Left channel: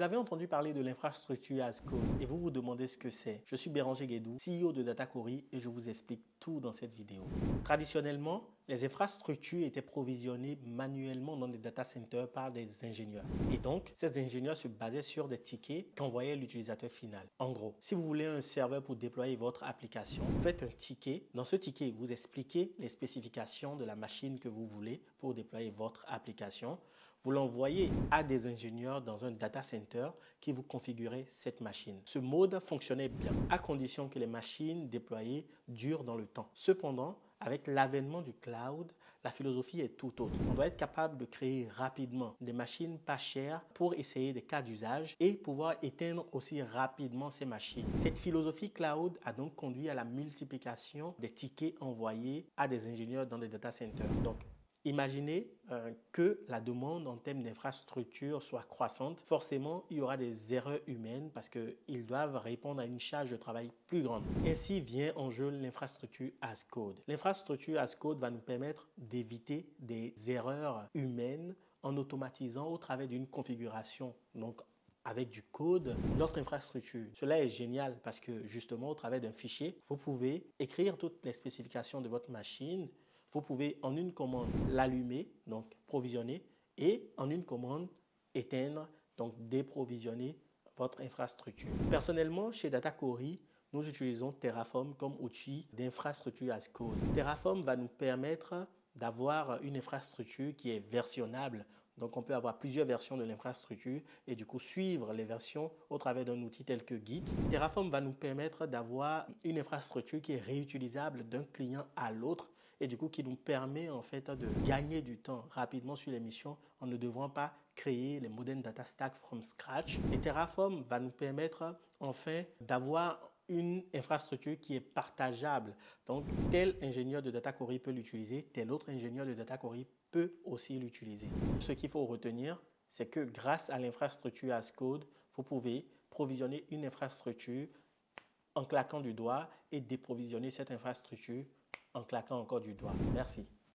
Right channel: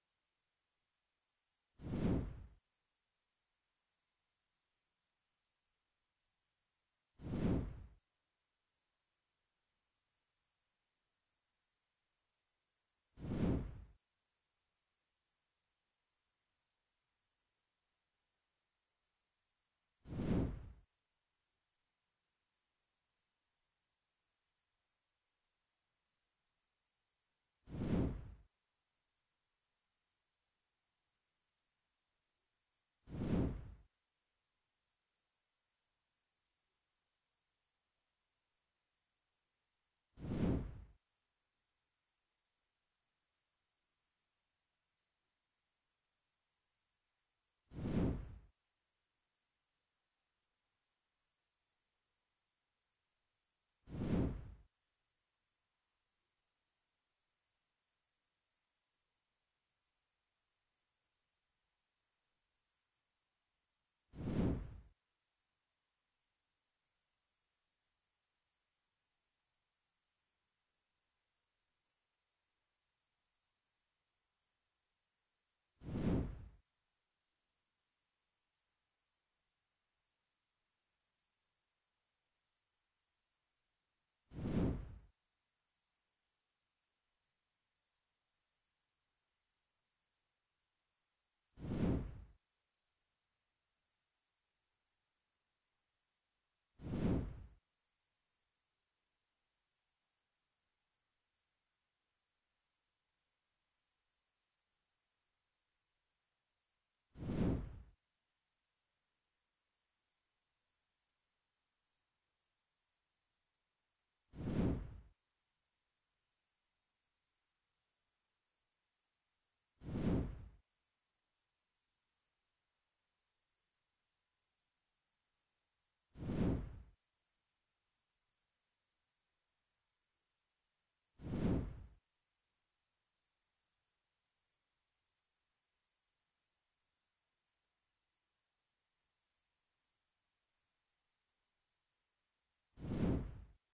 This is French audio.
Vous avez entendu parler de l'infrastructure as code et vous vous demandez ce que c'est. Je suis Béranger Guédou, CEO de Datacorey et je vous explique tout dans cette vidéo. Traditionnellement, les infrastructures étaient provisionnées manuellement dans des data centers par des ingénieurs. Et donc, ces ingénieurs se basaient sur des tickets qu'envoyait l'utilisateur final. En gros, si vous voulez un serveur pour déployer votre application, vous faites un ticket. Dans ce ticket, vous expliquez les spécifications de la machine que vous voulez pour déployer votre application. Vous l'envoyez à des ingénieurs dans un data center qui vous configurent cette machine. Ce mode fonctionnait bien, à condition que les machines déployées durent dans le temps. Cependant, avec l'avènement du cloud, la philosophie est tout autre. On doit être capable de créer rapidement des machines pas chères pour essayer des cas d'usage et pouvoir éteindre aussi rapidement ces machines. Cette philosophie cloud a donc conduit à la multiplication des tickets envoyés à des ingénieurs dans des data centers. Donc, imaginez que la demande en termes d'infrastructure soit croissante. Forcément, il y aura des erreurs humaines parce qu'ils doivent répondre à une charge de travail plus grande. Ainsi vient en jeu l'infrastructure as code. L'infrastructure as code va nous permettre d'éviter des erreurs humaines en automatisant au travers d'une configuration. Donc, avec du code, notre infrastructure. Cela est génial parce que justement, au travers d'un fichier, vous pouvez écrire toutes les spécifications de votre machine. Vous pouvez en une commande l'allumer, donc provisionner, et en une commande éteindre, donc déprovisionner votre infrastructure. Personnellement, chez Datacorey, nous utilisons Terraform comme outil d'infrastructure as code. Terraform va nous permettre d'avoir une infrastructure qui est versionnable. Donc, on peut avoir plusieurs versions de l'infrastructure et du coup suivre les versions au travers d'un outil tel que Git. Terraform va nous permettre d'avoir une infrastructure qui est réutilisable d'un client à l'autre et du coup qui nous permet en fait de gagner du temps rapidement sur les missions en ne devant pas créer les modern data stack from scratch. Et Terraform va nous permettre enfin d'avoir une infrastructure qui est partageable. Donc, tel ingénieur de Datacorey peut l'utiliser, tel autre ingénieur de Datacorey peut aussi l'utiliser. Ce qu'il faut retenir, c'est que grâce à l'infrastructure as code, vous pouvez provisionner une infrastructure en claquant du doigt et déprovisionner cette infrastructure en claquant encore du doigt. Merci.